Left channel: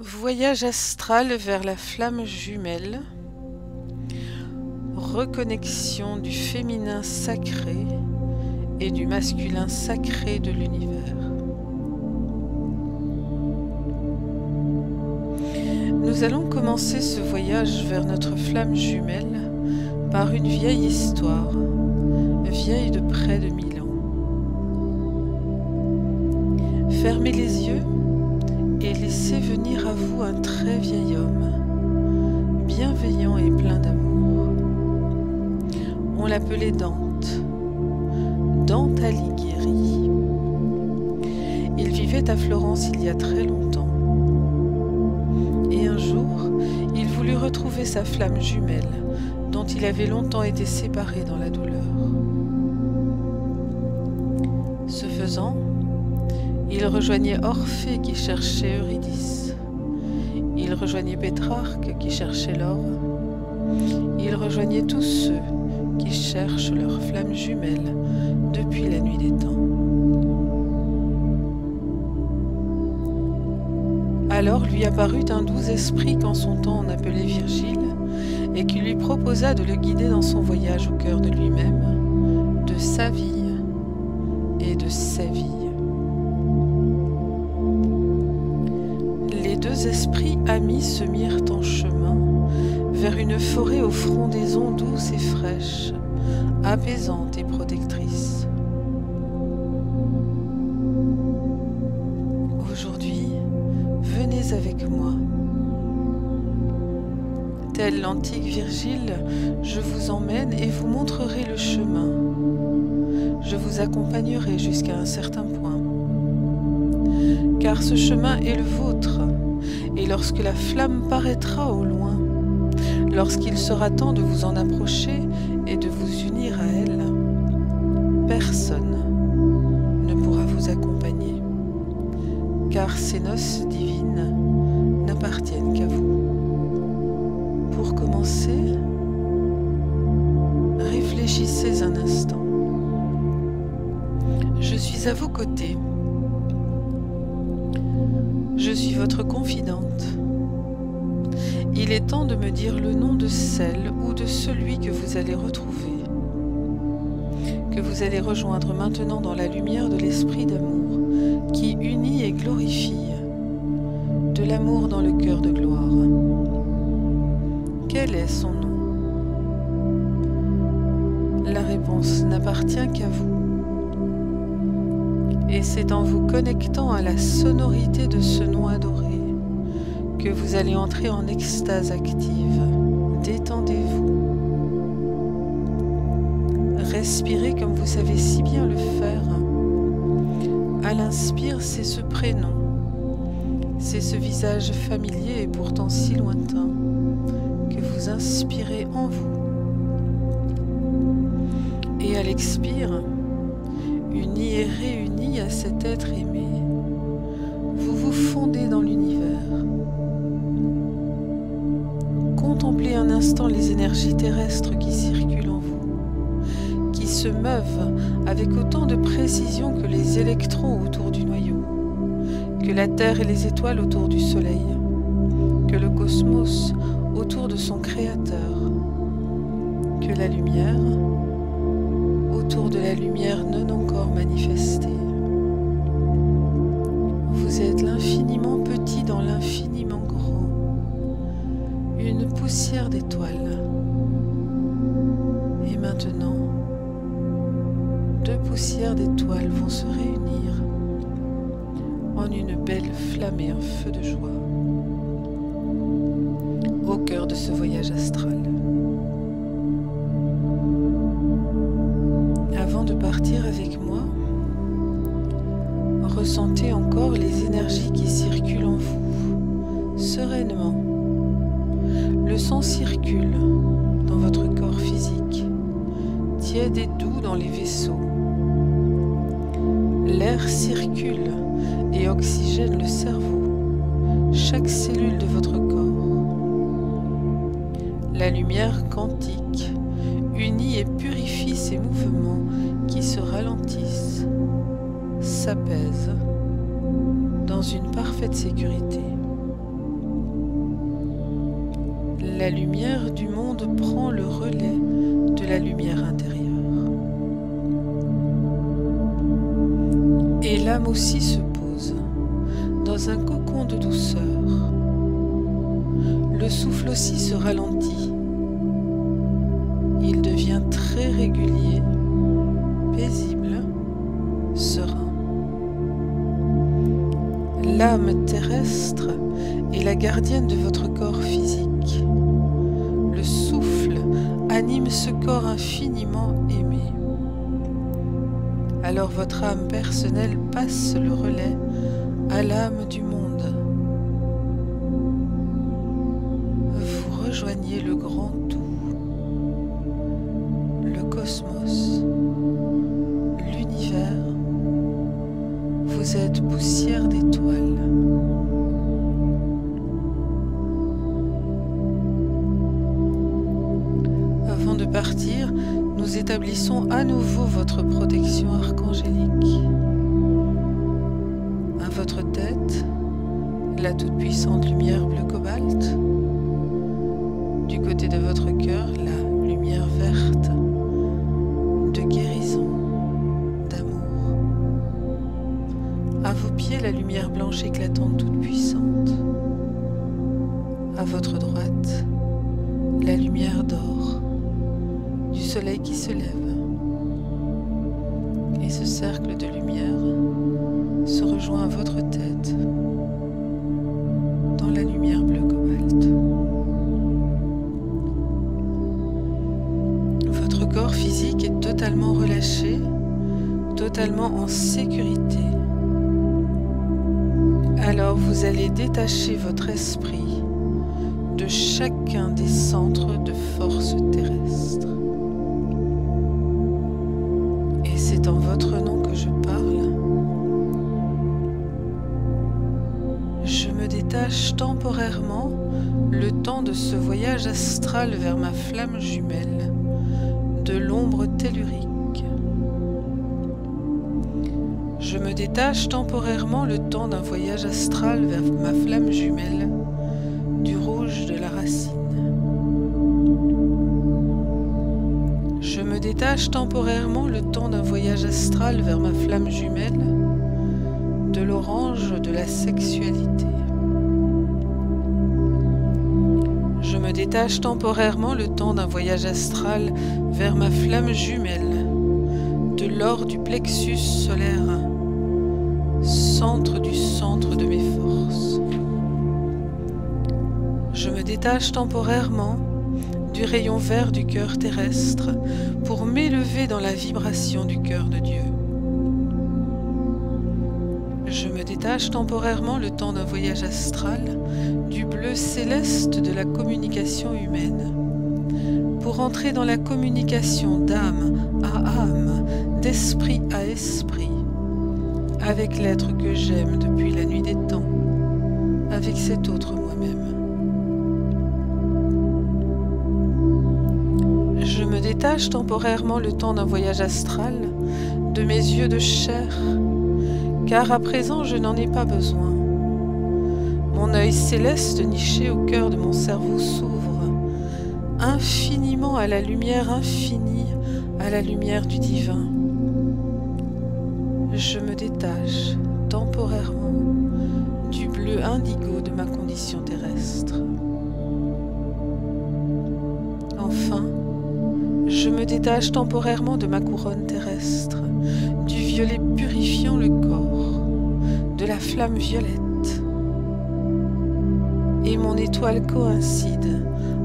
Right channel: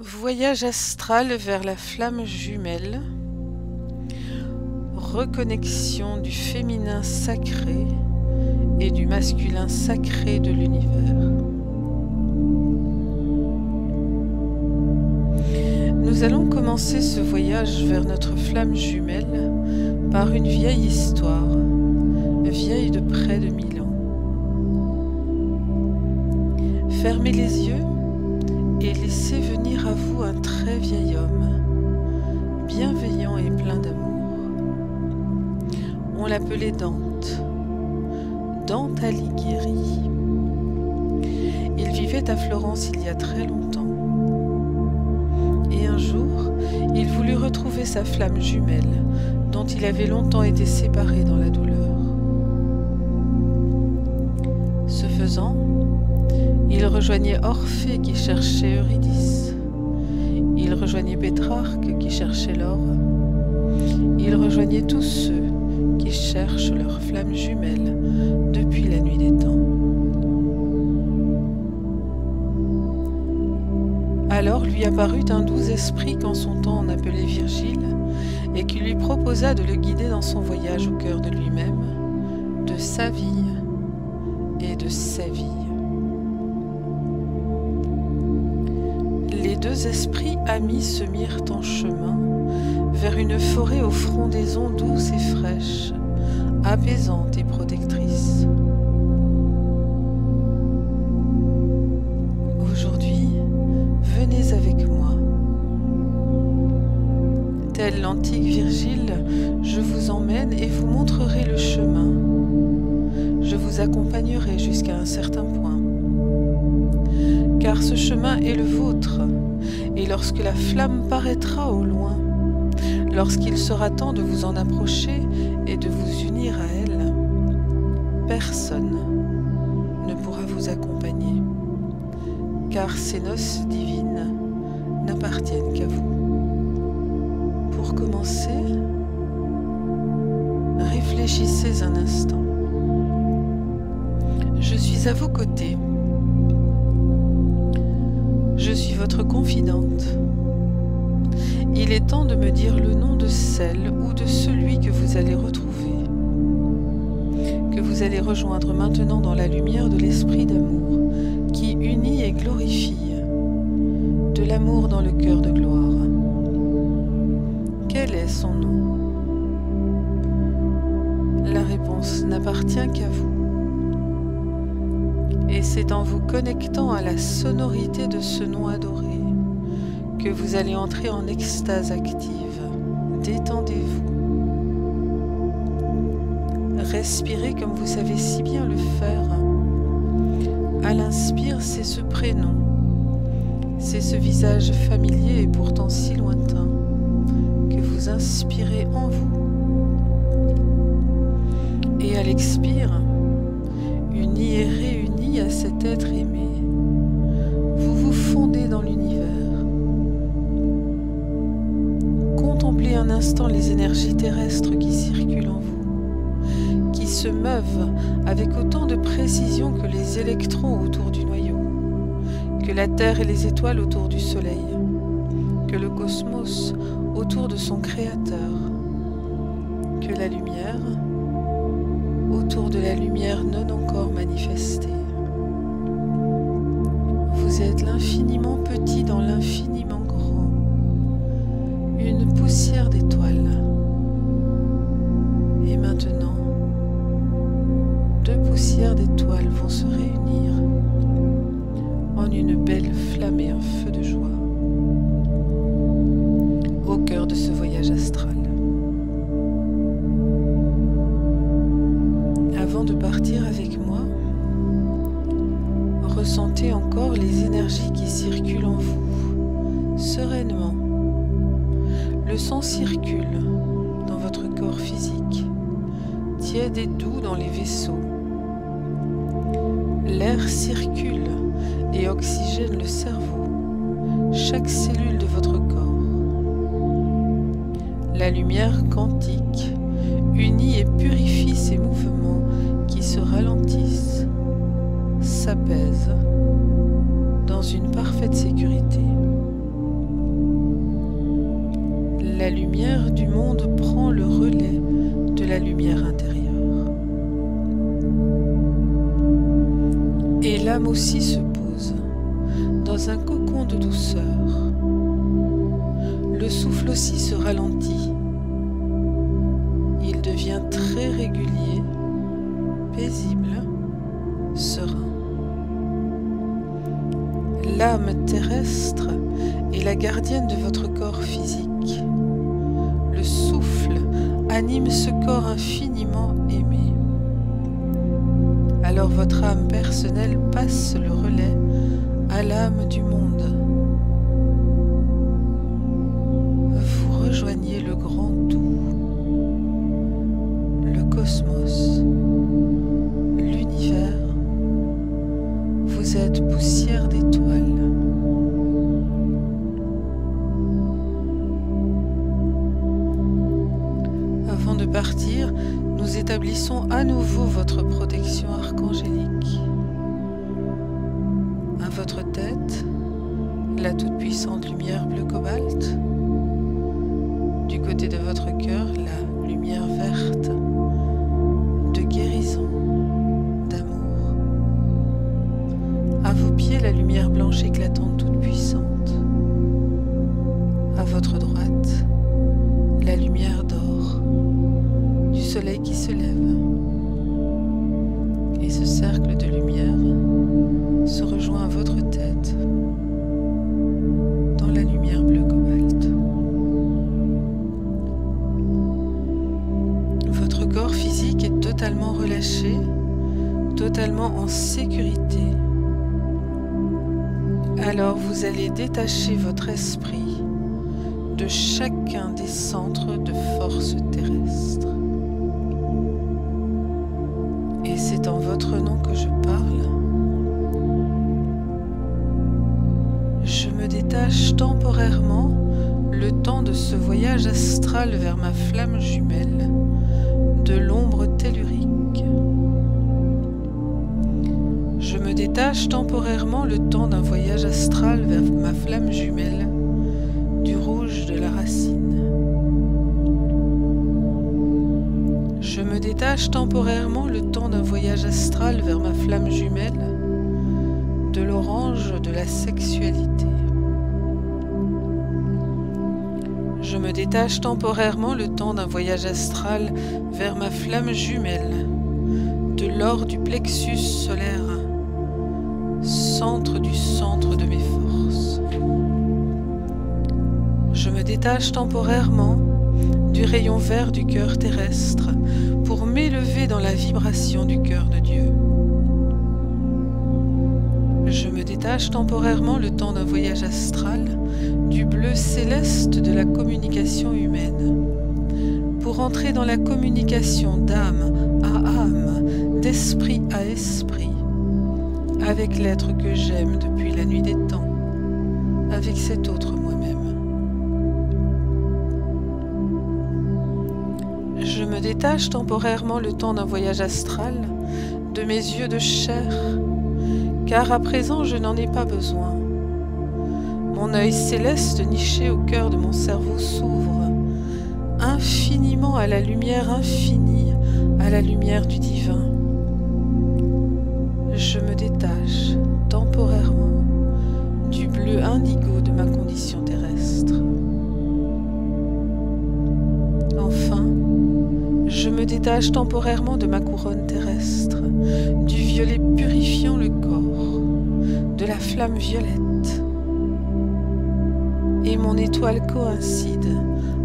Voyage astral vers la flamme jumelle, reconnexion du féminin sacré et du masculin sacré de l'univers. Nous allons commencer ce voyage vers notre flamme jumelle par une vieille histoire, vieille de près de 1000 ans. Fermez les yeux et laissez venir à vous un très vieil homme, bienveillant et plein d'amour. On l'appelait Dante, Dante Alighieri. Il vivait à Florence il y a très longtemps. Et un jour, il voulut retrouver sa flamme jumelle, dont il avait longtemps été séparé dans la douleur. Ce faisant, il rejoignait Orphée qui cherchait Eurydice. Il rejoignait Pétrarque qui cherchait l'or. Il rejoignait tous ceux qui cherchent leur flamme jumelle depuis la nuit des temps. Alors lui apparut un doux esprit qu'en son temps on appelait Virgile, et qui lui proposa de le guider dans son voyage au cœur de lui-même, de sa vie et de ses vies. Les deux esprits amis se mirent en chemin vers une forêt aux frondaisons douces et fraîches, apaisantes et protectrices. Aujourd'hui, venez avec moi. Tel l'antique Virgile, je vous emmène et vous montrerai le chemin. Je vous accompagnerai jusqu'à un certain point. Car ce chemin est le vôtre, et lorsque la flamme paraîtra au loin, lorsqu'il sera temps de vous en approcher et de vous unir à elle, personne ne pourra vous accompagner, car ces noces divines n'appartiennent qu'à vous. Pour commencer, réfléchissez un instant. Je suis à vos côtés. Je suis votre confidente. Il est temps de me dire le nom de celle ou de celui que vous allez retrouver, que vous allez rejoindre maintenant dans la lumière de l'esprit d'amour qui unit et glorifie, de l'amour dans le cœur de gloire. Quel est son nom? La réponse n'appartient qu'à vous. Et c'est en vous connectant à la sonorité de ce nom adoré que vous allez entrer en extase active. Détendez-vous. Respirez comme vous savez si bien le faire. À l'inspire, c'est ce prénom, c'est ce visage familier et pourtant si lointain que vous inspirez en vous. Et à l'expire, unis et réunis à cet être aimé, vous vous fondez dans l'univers. Contemplez un instant les énergies terrestres qui circulent en vous, qui se meuvent avec autant de précision que les électrons autour du noyau, que la Terre et les étoiles autour du Soleil, que le cosmos autour de son Créateur, que la lumière autour de la lumière non encore manifestée. Vous êtes l'infiniment petit dans l'infiniment grand, une poussière d'étoiles. Et maintenant, deux poussières d'étoiles vont se réunir en une belle flamme et un feu de joie au cœur de ce voyage astral. Avant de partir avec moi, ressentez encore les énergies qui circulent en vous, sereinement. Le sang circule dans votre corps physique, tiède et doux dans les vaisseaux. L'air circule et oxygène le cerveau, chaque cellule de votre corps. La lumière quantique unit et purifie ces mouvements qui se ralentissent, s'apaisent dans une parfaite sécurité. la lumière du monde prend le relais de la lumière intérieure. Et l'âme aussi se pose dans un cocon de douceur. Le souffle aussi se ralentit. Il devient très régulier, paisible, serein. L'âme terrestre est la gardienne de votre corps physique. Le souffle anime ce corps infiniment aimé. Alors votre âme personnelle passe le relais à l'âme du monde. Vous rejoignez le grand tout, le cosmos, l'univers. Vous êtes poussière d'étoiles. Avant de partir, nous établissons à nouveau votre protection archangélique. À votre tête, la toute-puissante lumière bleu cobalt. Du côté de votre cœur, la lumière verte de guérison, d'amour. À vos pieds, la lumière blanche éclatante toute puissante. À votre droite, la lumière d'or du soleil qui se lève. Et ce cercle de lumière se rejoint à votre tête dans la lumière bleu cobalt. Votre corps physique est totalement relâché, totalement en sécurité. Alors vous allez détacher votre esprit de chacun des centres de force terrestre. Et c'est en votre nom que je parle. Je me détache temporairement le temps de ce voyage astral vers ma flamme jumelle de l'ombre tellurique. Je me détache temporairement le temps d'un voyage astral vers ma flamme jumelle du rouge de la racine. Je me détache temporairement le temps d'un voyage astral vers ma flamme jumelle de l'orange de la sexualité. Je me détache temporairement le temps d'un voyage astral vers ma flamme jumelle de l'or du plexus solaire, centre de mes forces. Je me détache temporairement du rayon vert du cœur terrestre pour m'élever dans la vibration du cœur de Dieu. Je me détache temporairement le temps d'un voyage astral du bleu céleste de la communication humaine pour entrer dans la communication d'âme à âme, d'esprit à esprit, avec l'être que j'aime depuis la nuit des temps, avec cet autre moi-même. Je me détache temporairement le temps d'un voyage astral de mes yeux de chair, car à présent je n'en ai pas besoin. Mon œil céleste niché au cœur de mon cerveau s'ouvre infiniment à la lumière infinie, à la lumière du divin. Je me détache temporairement du bleu indigo de ma condition terrestre. Enfin, je me détache temporairement de ma couronne terrestre, du violet purifiant le corps, de la flamme violette. Et mon étoile coïncide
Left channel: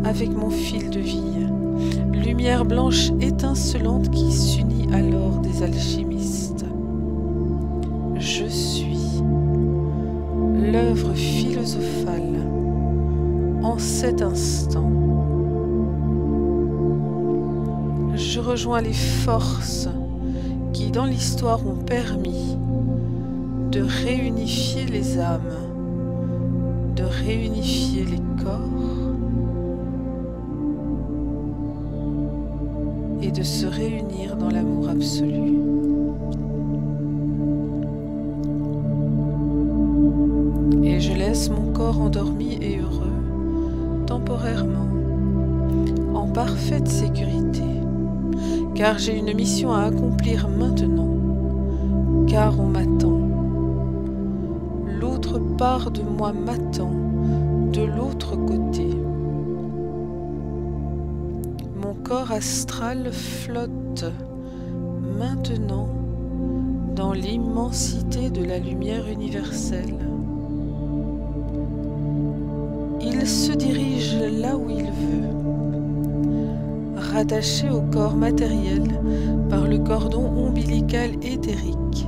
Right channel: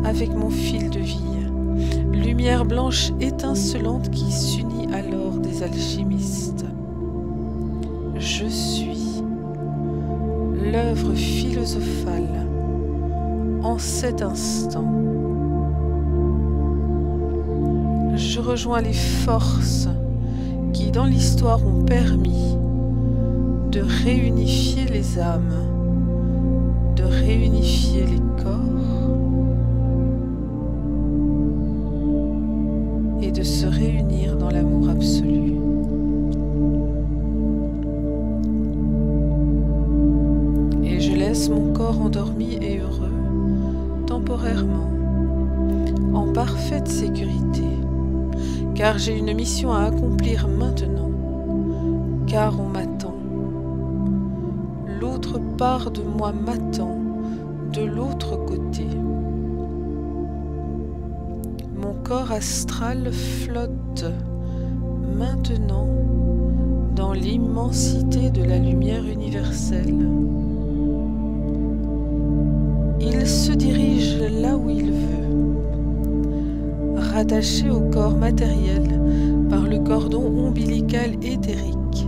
avec mon fil de vie, lumière blanche étincelante qui s'unit à l'or des alchimistes. Je suis l'œuvre philosophale en cet instant. Je rejoins les forces qui, dans l'histoire, ont permis de réunifier les âmes, de réunifier les corps et de se réunir dans l'amour absolu. Et je laisse mon corps endormi et heureux temporairement en parfaite sécurité, car j'ai une mission à accomplir maintenant, car on m'attend. L'autre part de moi m'attend, de l'autre côté. Mon corps astral flotte maintenant dans l'immensité de la lumière universelle. Il se dirige là où il veut, rattaché au corps matériel par le cordon ombilical éthérique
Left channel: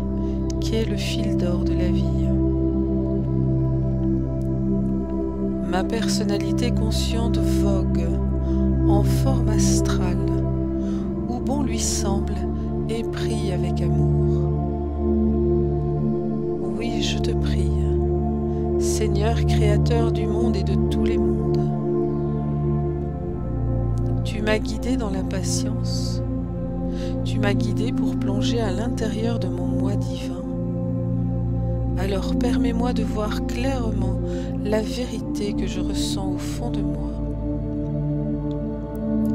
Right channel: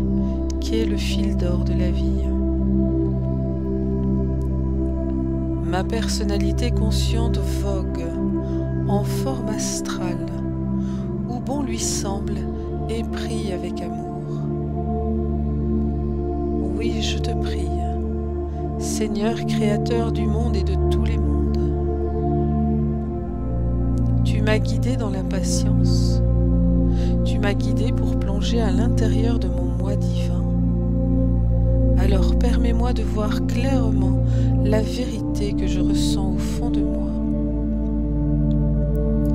qui est le fil d'or de la vie. Ma personnalité consciente vogue en forme astrale, où bon lui semble et prie avec amour. Oui, je te prie, Seigneur créateur du monde et de tous les mondes. Tu m'as guidé dans la patience, tu m'as guidé pour plonger à l'intérieur de mon moi divin. Alors permets-moi de voir clairement la vérité que je ressens au fond de moi,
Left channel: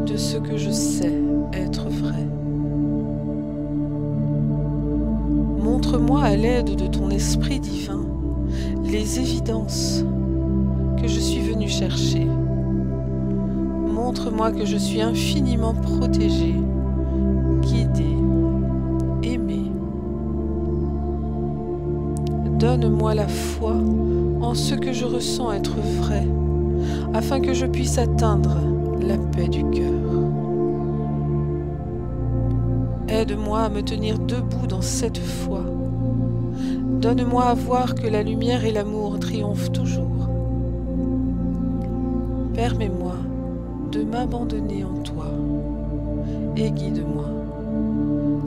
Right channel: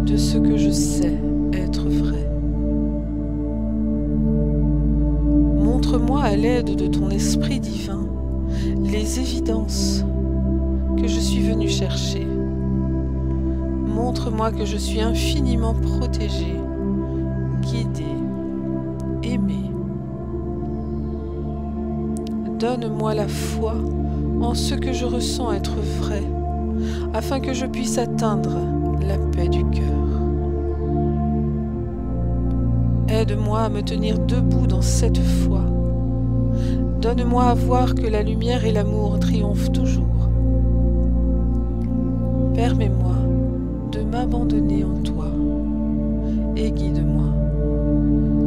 de ce que je sais être vrai. Montre-moi à l'aide de ton esprit divin les évidences que je suis venu chercher. Montre-moi que je suis infiniment protégé, guidé, aimé. Donne-moi la foi en ce que je ressens être vrai, afin que je puisse atteindre la paix du cœur. Aide-moi à me tenir debout dans cette foi. Donne-moi à voir que la lumière et l'amour triomphent toujours. Permets-moi de m'abandonner en toi et guide-moi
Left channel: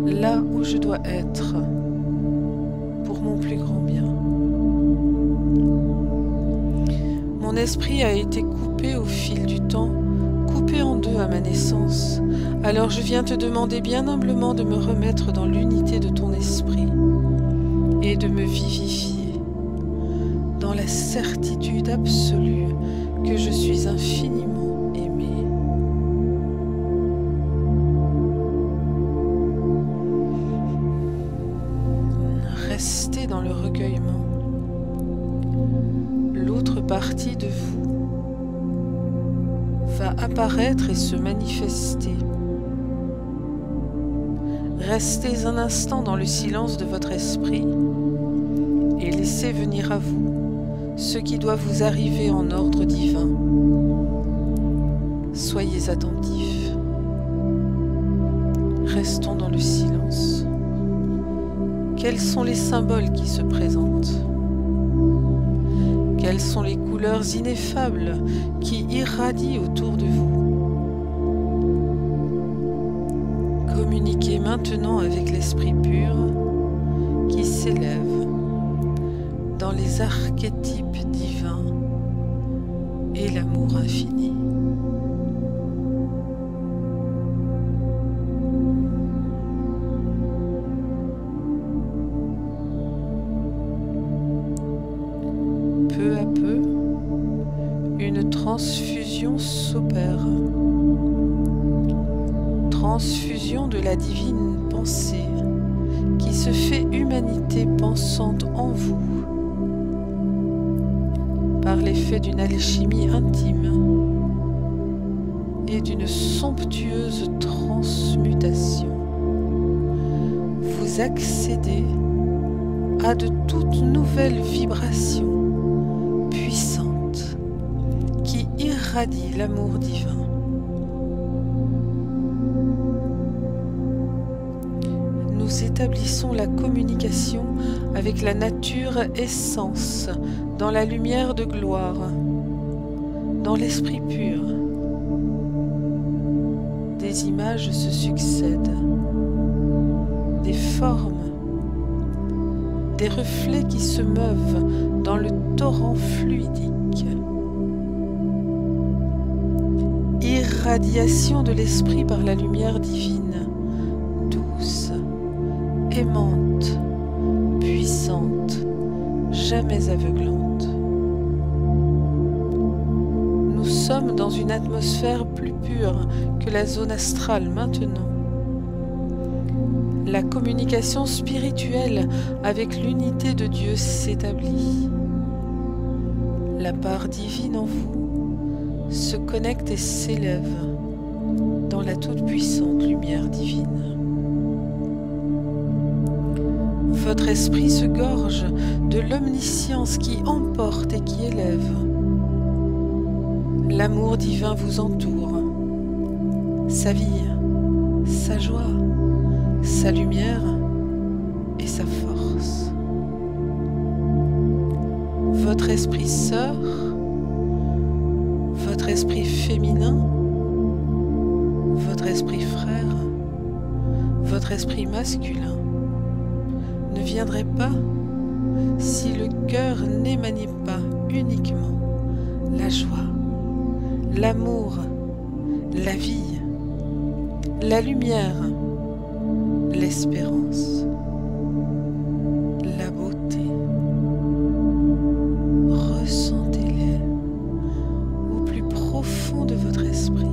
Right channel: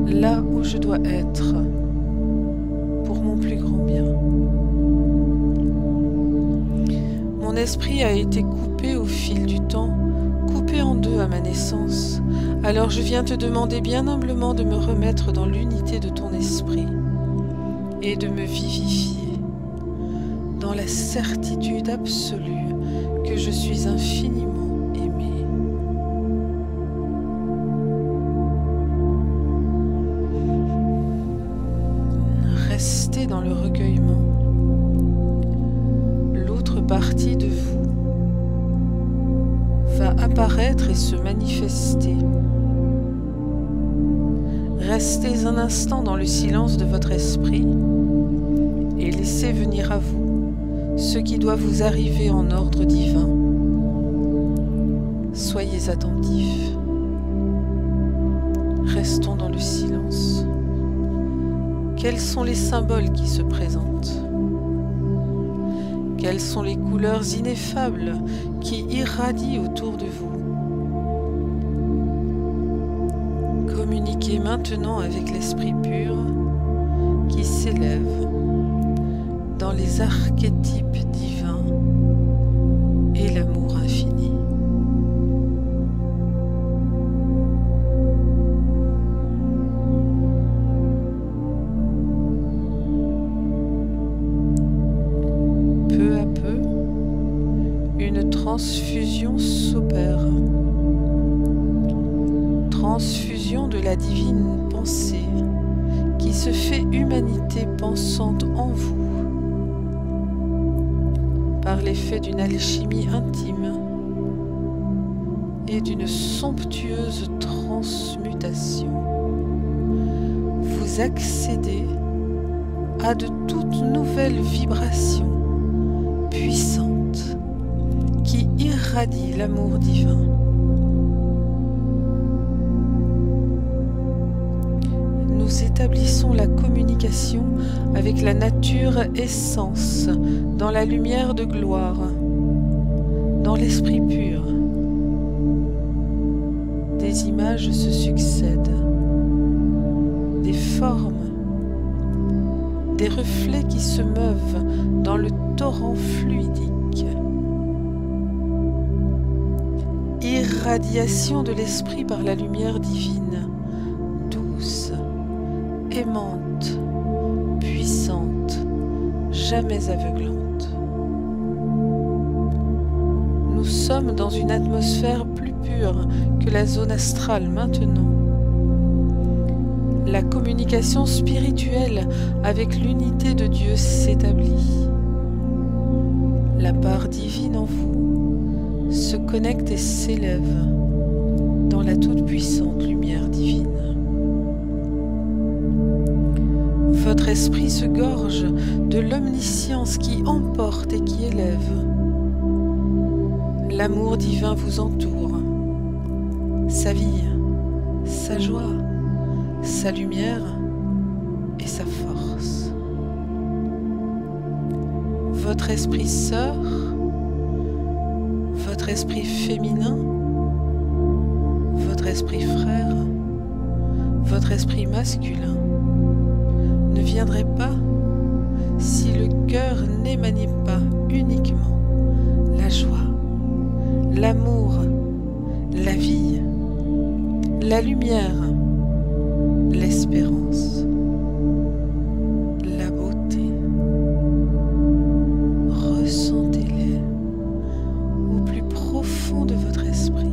là où je dois être pour mon plus grand bien. Mon esprit a été coupé au fil du temps, coupé en deux à ma naissance. Alors je viens te demander bien humblement de me remettre dans l'unité de ton esprit et de me vivifier dans la certitude absolue que je suis infiniment aimé. Restez dans le recueillement. L'autre partie de vous va apparaître et se manifester. Restez un instant dans le silence de votre esprit et laissez venir à vous ce qui doit vous arriver en ordre divin. Soyez attentifs. Restons dans le silence. Quels sont les symboles qui se présentent? Quelles sont les couleurs ineffables qui irradient autour de vous? Communiquez maintenant avec l'Esprit pur qui s'élève dans les archétypes divins et l'amour infini. Peu à peu, une transfusion s'opère. Transfusion de la divine pensée qui se fait humanité pensante en vous par l'effet d'une alchimie intime et d'une somptueuse transmutation. Vous accédez à de toutes nouvelles vibrations puissantes qui irradient l'amour divin. Nous établissons la communication avec la nature essence dans la lumière de gloire, dans l'esprit pur. Des images se succèdent, des formes, des reflets qui se meuvent dans le torrent fluidique. Irradiation de l'esprit par la lumière divine, douce, aimante, puissante, jamais aveuglante. Nous sommes dans une atmosphère plus pure que la zone astrale maintenant. La communication spirituelle avec l'unité de Dieu s'établit. La part divine en vous se connecte et s'élève dans la toute-puissante lumière divine. Votre esprit se gorge de l'omniscience qui emporte et qui élève. L'amour divin vous entoure, sa vie, sa joie, sa lumière et sa force. Votre esprit sœur, votre esprit féminin, votre esprit frère, votre esprit masculin ne viendrait pas si le cœur n'émanait pas uniquement la joie, l'amour, la vie, la lumière, l'espérance, la beauté. Ressentez-les au plus profond de votre esprit.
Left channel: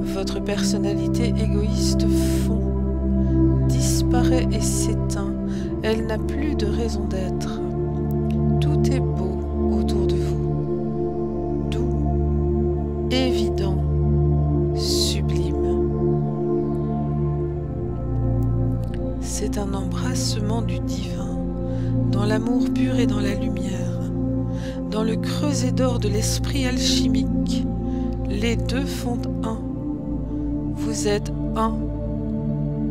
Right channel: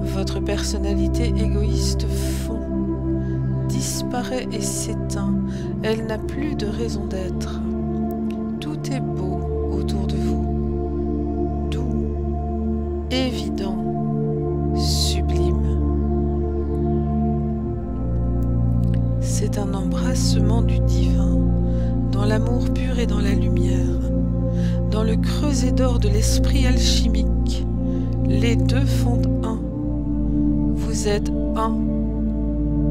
Votre personnalité égoïste fond, disparaît et s'éteint. Elle n'a plus de raison d'être. Tout est beau autour de vous, doux, évident, sublime. C'est un embrassement du divin, dans l'amour pur et dans la lumière, dans le creuset d'or de l'esprit alchimique. Les deux font un. Vous êtes un,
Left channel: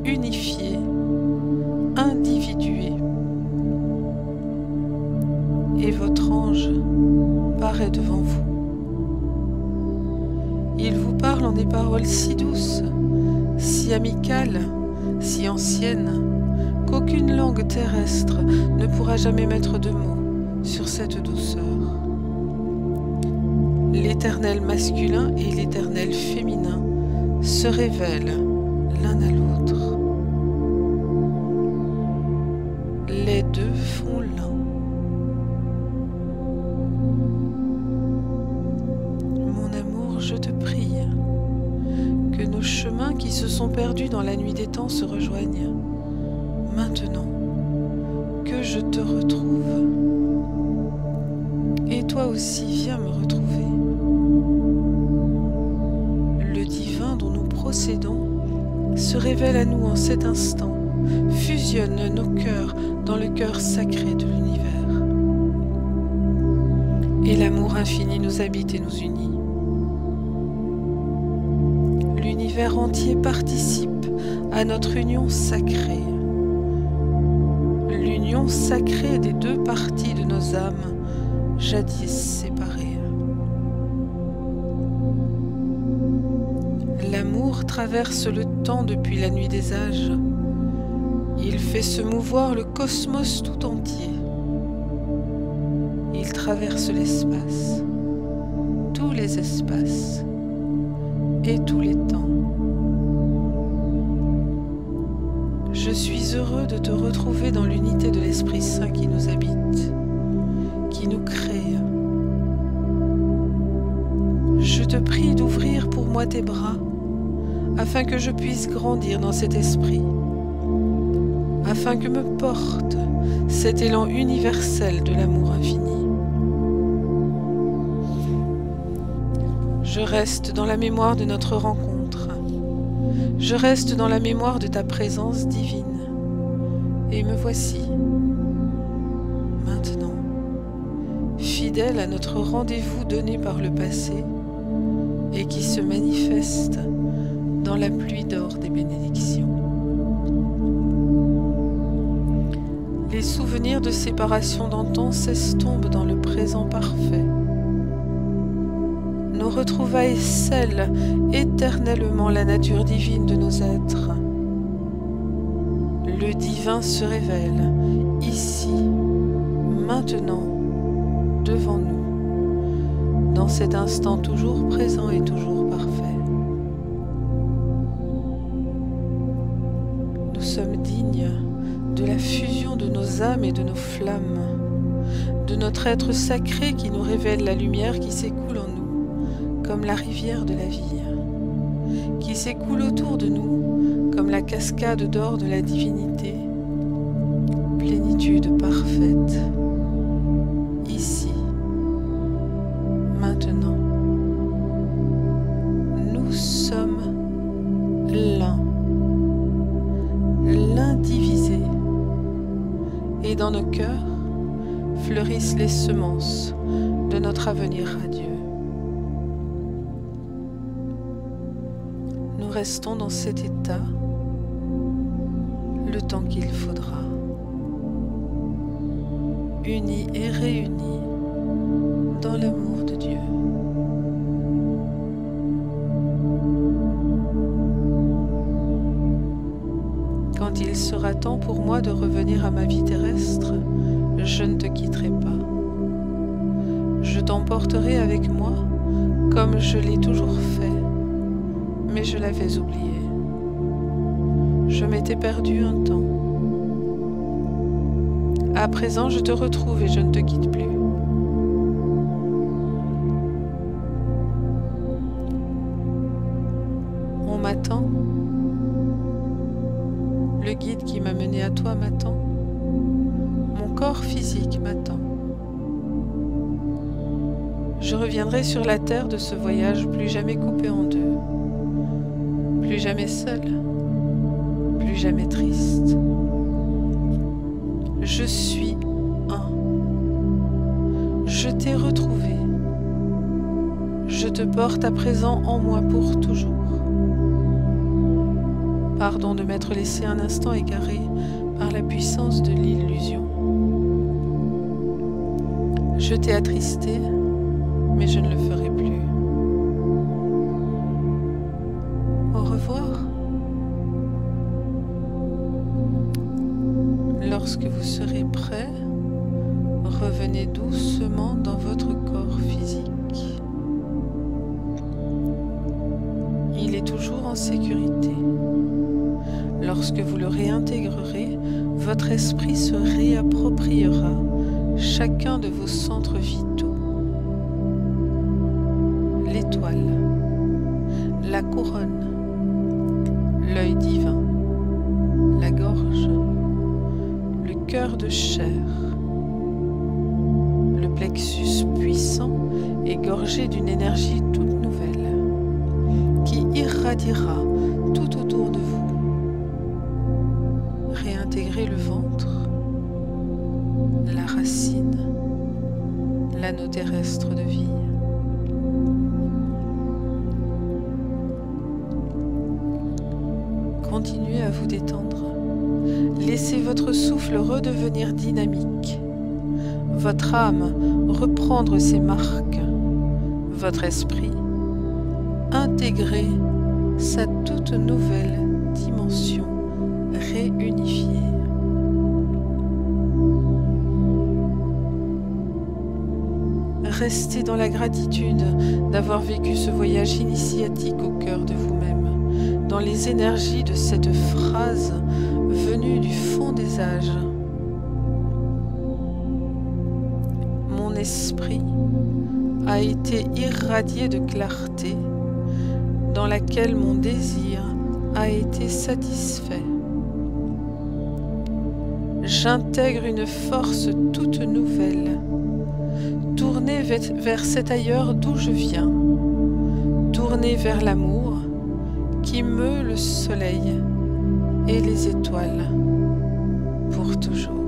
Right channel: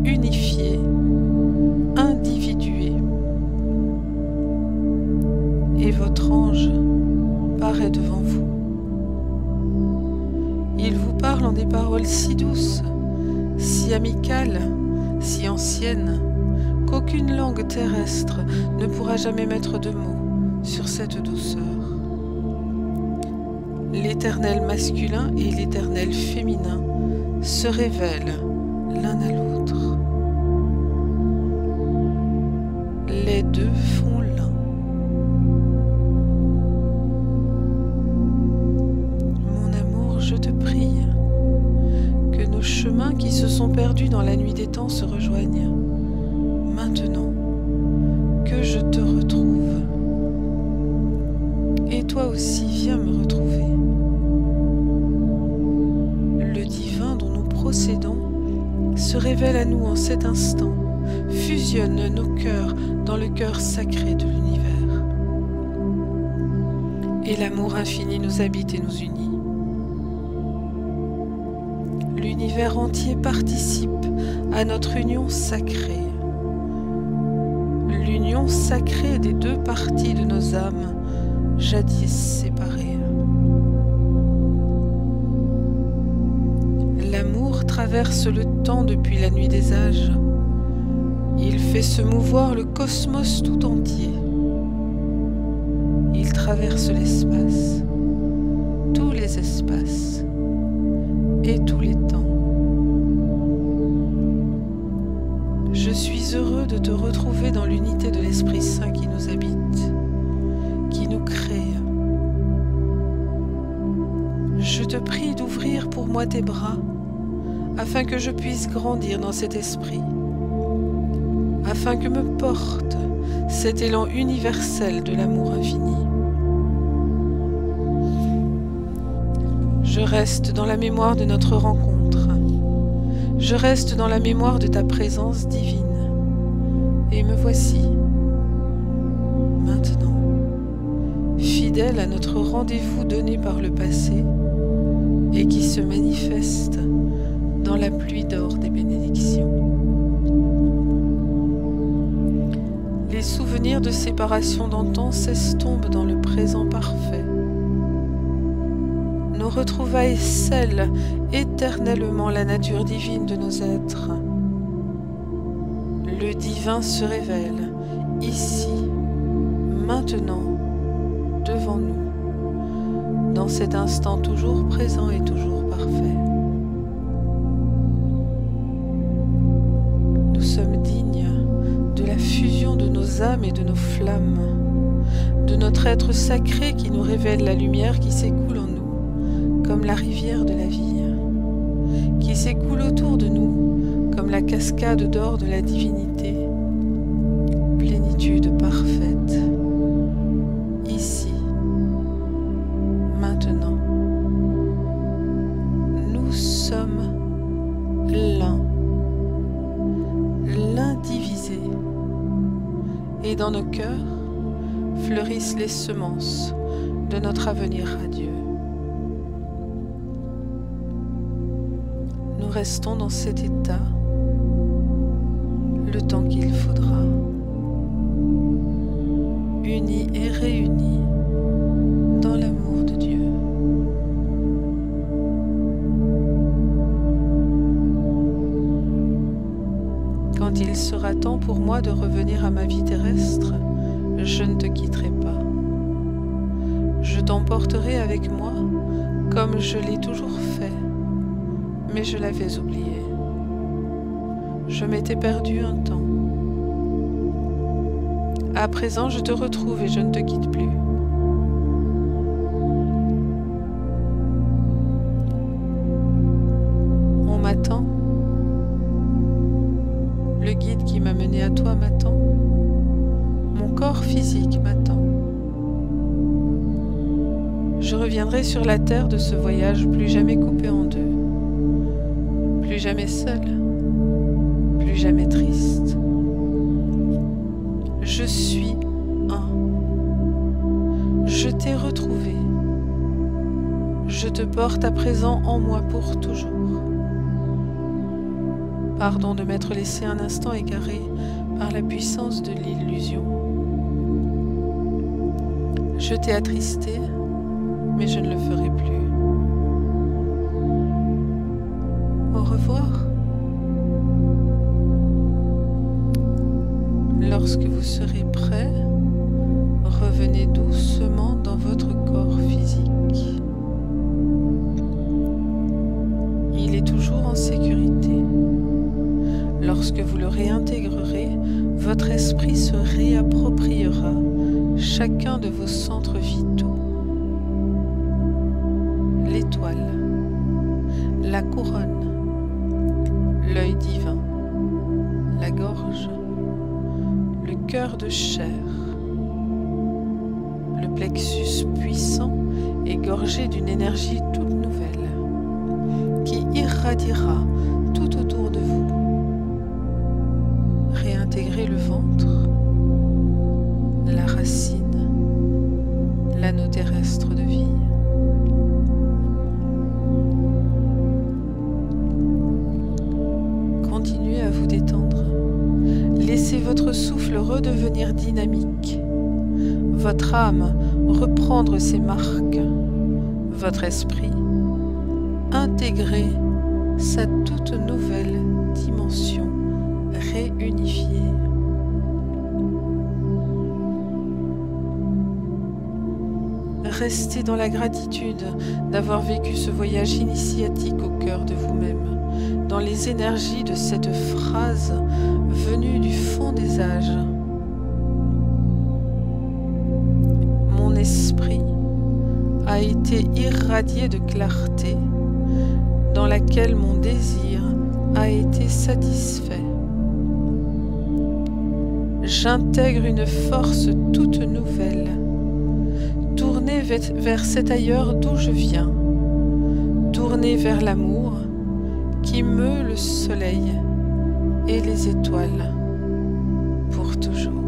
unifié, individué. Et votre ange paraît devant vous. Il vous parle en des paroles si douces, si amicales, si anciennes, qu'aucune langue terrestre ne pourra jamais mettre de mots sur cette douceur. L'éternel masculin et l'éternel féminin se révèlent l'un à l'autre. Les deux font l'un. Mon amour, je te prie que nos chemins qui se sont perdus dans la nuit des temps se rejoignent. Maintenant que je te retrouve. Et toi aussi, viens me retrouver. Le divin dont nous procédons se révèle à nous en cet instant, fusionne nos cœurs dans le cœur sacré de l'univers. Et l'amour infini nous habite et nous unit. L'univers entier participe à notre union sacrée. L'union sacrée des deux parties de nos âmes, jadis séparées. L'amour traverse le temps depuis la nuit des âges. Il fait se mouvoir le cosmos tout entier. Il traverse l'espace, tous les espaces et tous les temps. Je suis heureux de te retrouver dans l'unité de l'Esprit Saint qui nous habite, qui nous crée. Je te prie d'ouvrir pour moi tes bras, afin que je puisse grandir dans cet esprit, afin que me porte cet élan universel de l'amour infini. Je reste dans la mémoire de notre rencontre, je reste dans la mémoire de ta présence divine, et me voici, maintenant, fidèle à notre rendez-vous donné par le passé, et qui se manifeste dans la pluie d'or des bénédictions. Les souvenirs de séparation d'antan s'estompent dans le présent parfait. Nos retrouvailles scellent éternellement la nature divine de nos êtres. Le divin se révèle, ici, maintenant, devant nous, dans cet instant toujours présent et toujours parfait. Nous sommes dignes de la fusion de nos âmes et de nos flammes, de notre être sacré qui nous révèle la lumière qui s'écoule en nous, comme la rivière de la vie, qui s'écoule autour de nous, comme la cascade d'or de la divinité, plénitude parfaite, ici, maintenant. Nous sommes l'indivisible, et dans nos cœurs fleurissent les semences de notre avenir radieux. Nous restons dans cet état le temps qu'il faudra, unis et réunis dans l'amour de Dieu. Quand il sera temps pour moi de revenir à ma vie terrestre, je ne te quitterai pas. Je t'emporterai avec moi comme je l'ai toujours fait, mais je l'avais oublié. Je m'étais perdu un temps. À présent, je te retrouve et je ne te quitte plus. On m'attend. Le guide qui m'a mené à toi m'attend. Mon corps physique m'attend. Je reviendrai sur la terre de ce voyage plus jamais coupé en deux, plus jamais seul, plus jamais triste. Je suis un. Je t'ai retrouvé. Je te porte à présent en moi pour toujours. Pardon de m'être laissé un instant égaré par la puissance de l'illusion. Je t'ai attristé, mais je ne le ferai plus. Au revoir. Lorsque vous serez prêt, revenez doucement dans votre corps physique. Il est toujours en sécurité. Lorsque vous le réintégrerez, votre esprit se réappropriera chacun de vos centres vitaux. L'étoile, la couronne, l'œil divin, la gorge, le cœur de chair, le plexus puissant et gorgé d'une énergie toute nouvelle qui irradiera tout autour de vous. Réintégrer le ventre, la racine, l'anneau terrestre de vie. Continuez à vous détendre. Laissez votre souffle redevenir dynamique, votre âme reprendre ses marques, votre esprit intégrer sa toute nouvelle dimension réunifiée. Restez dans la gratitude d'avoir vécu ce voyage initiatique au cœur de vous-même, dans les énergies de cette phrase venue du fond des âges. Mon esprit a été irradié de clarté dans laquelle mon désir a été satisfait. J'intègre une force toute nouvelle, tournée vers cet ailleurs d'où je viens, tournée vers l'amour qui meut le soleil et les étoiles pour toujours.